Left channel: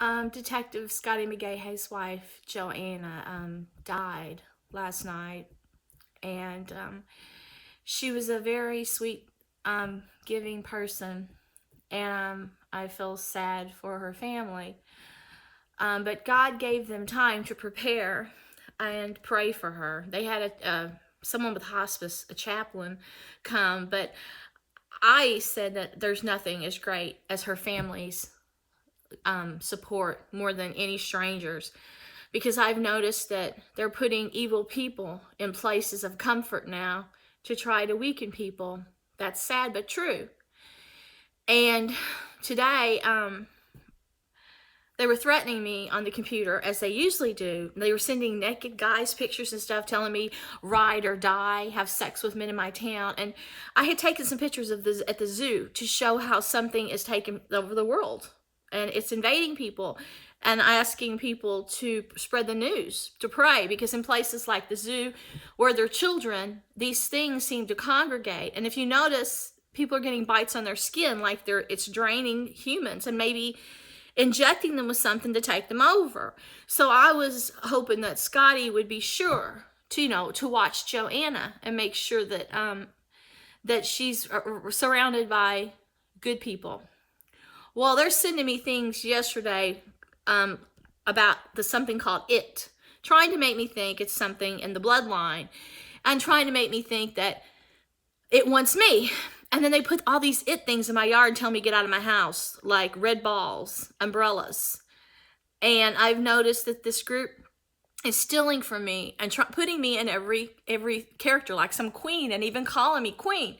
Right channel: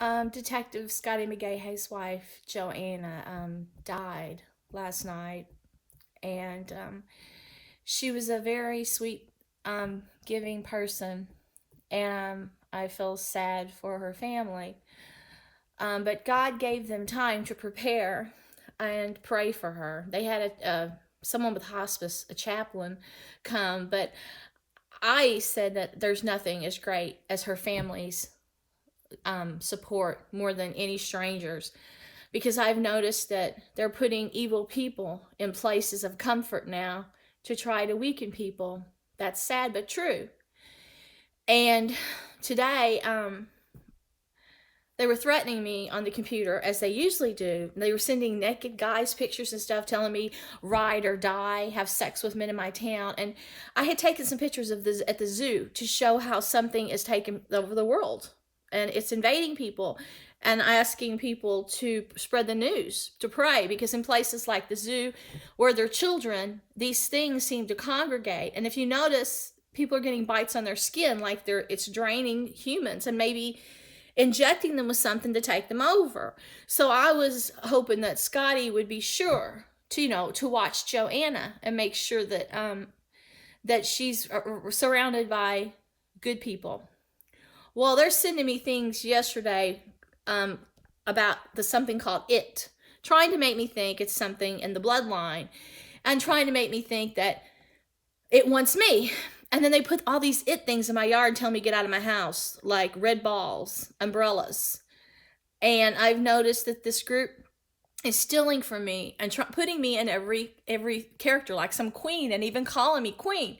Detective Scotty McGahe's wife, Joanna, died last night, and she was a very sweet, giving person, and I feel sad for her family. But God gave them time to prepare and pray for her. They had someone with hospice, a chaplain, come, but I said that there's nothing as great as her family's support more than any strangers, because I've noticed that they're putting evil people in places of comfort now to try to weaken people. That's sad but true. And today, they were threatening me on the computer, as they usually do. They were sending naked guys pictures and stuff, telling me ride or die, have sex with men in my town. And I had taken some pictures of this at the zoo to show how something is taking over the world and it's invading people, and asking people to spread the news, to pray, because in places like the zoo where they're children, these things seem to congregate. And if you notice, people are getting bites on their skin, like it's draining humans and maybe injecting them with something to take them over. So I was hoping that Scotty would be sure to watch Joanna and make sure that that she's surrounded by good people. Well, they're sending me things yesterday about something called it, trying to make me think it's something in the bloodline, and trying to make me think that it wants me. And then they put all these it things in my yard and tell me to get out of my house, like red balls, umbrellas. And I've noticed that this group is stealing from me and putting me in every character, like some queen, and even calling me queen.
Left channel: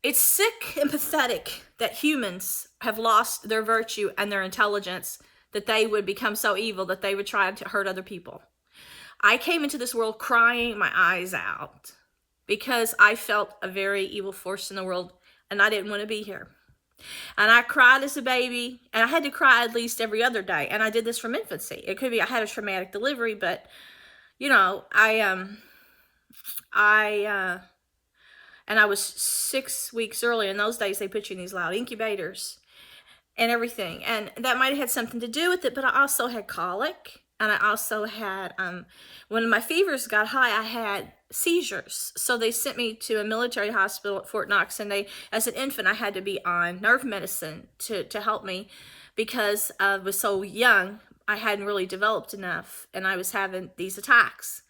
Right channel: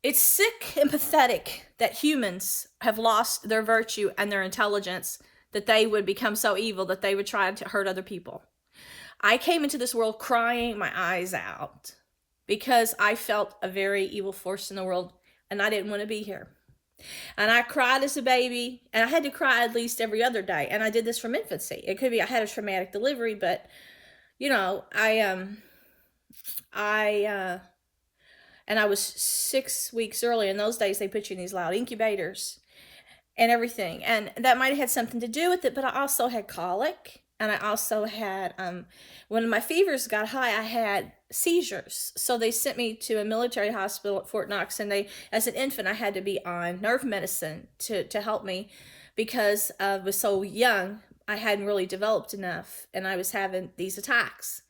It's sick and pathetic that humans have lost their virtue and their intelligence, that they would become so evil that they would try to hurt other people. I came into this world crying my eyes out because I felt a very evil force in the world, and I didn't want to be here. And I cried as a baby, and I had to cry at least every other day. And I did this from infancy. It could be I had a traumatic delivery, but I was 6 weeks early. In those days, they put you in these loud incubators and everything. And that might have had something to do with it, but I also had colic. And I also had, when my fevers got high, I had seizures. So they sent me to a military hospital at Fort Knox. And as an infant, I had to be on nerve medicine to help me, because I was so young, I hadn't really developed enough. And I was having these attacks.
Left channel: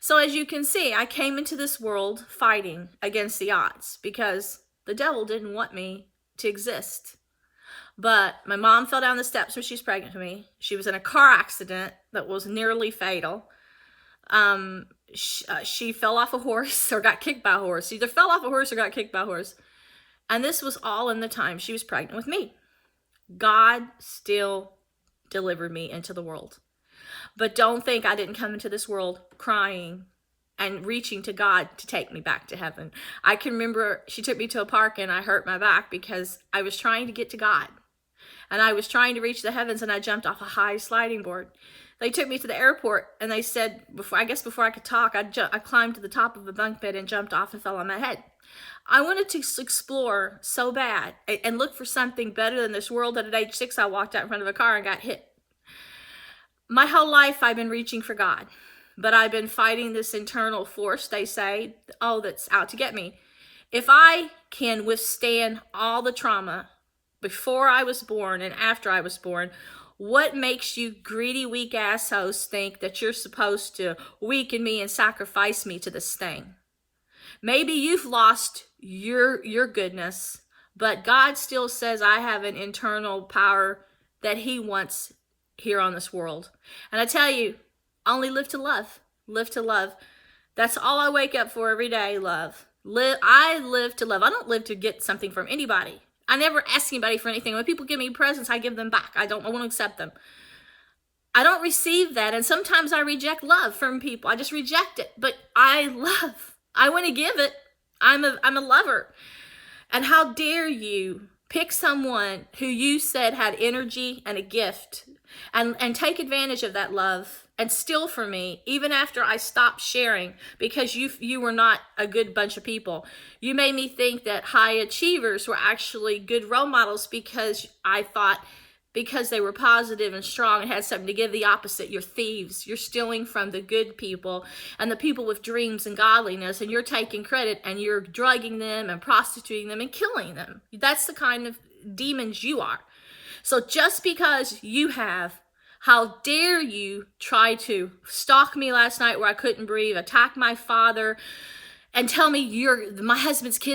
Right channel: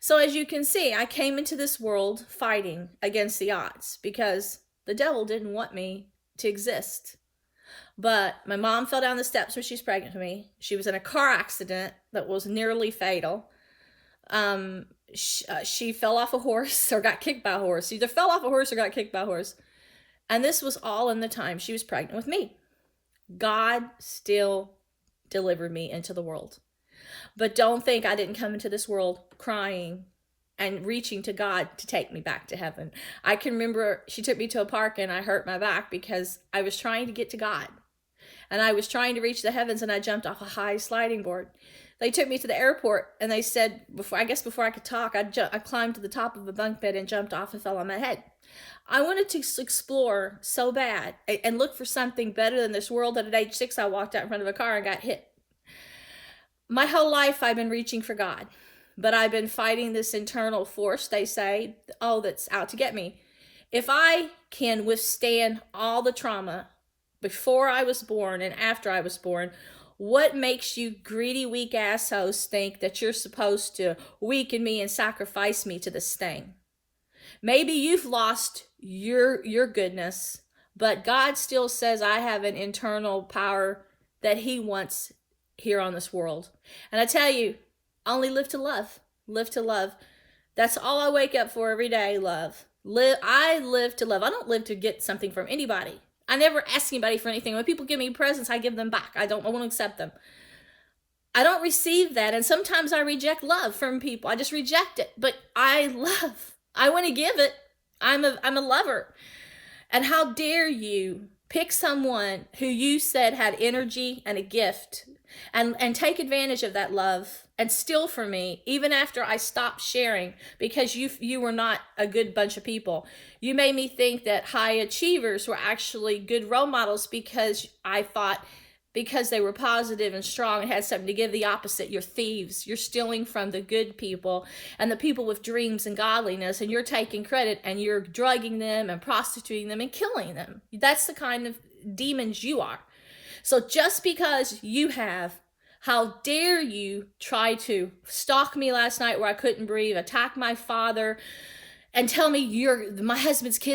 So as you can see, I came into this world fighting against the odds, because the devil didn't want me to exist. But my mom fell down the steps when she was pregnant with me. She was in a car accident that was nearly fatal. She fell off a horse or got kicked by a horse. Either fell off a horse or got kicked by a horse. And this was all in the time she was pregnant with me. God still delivered me into the world. But don't think I didn't come into this world crying and reaching to God to take me back to heaven. I can remember she took me to a park and I hurt my back because I was trying to get to God. And I was trying to reach the heavens, and I jumped off a high sliding board. They took me to the airport, and they said, before I could talk, I climbed to the top of a bunk bed and jumped off and fell on my head. I wanted to explore so bad and look for something better than this world, that at age 6, I walked out in front of a car and got hit. My whole life, I've been reaching for God, but I've been fighting this internal force, they say, that's out to get me. If I can withstand all the trauma before I was born and after I was born, what makes you greedy, weak assholes think that you're supposed to weaken me and sacrifice me to this thing? Maybe you've lost your goodness, but God still says I have an internal power that he wants here on this world. And I tell you, only live to love. Live to love. That's all I wake up for every day, love. I live to love. I don't live to get something from anybody. I never ask anybody for anything. When people give me presents, I give them back. I want to accept them. I don't receive that. And sometimes I reject love from people. I just reject it. But I love. I want to give it. I'm a lover. And how dare you pick someone who you said had energy and a gift and take advantage of that love and steal from me, even after I stopped sharing, because you were not a good bunch of people. You made me think that high achievers were actually good role models, because I thought because they were positive and strong and had something to give. The opposite. You're thieves. You're stealing from the good people and the people with dreams and godliness, and you're taking credit and you're drugging them and prostituting them and killing them. That's the kind of demons you are. So just because you have, how dare you try to stalk me last night where I couldn't breathe, attack my father, and tell me my husband's kids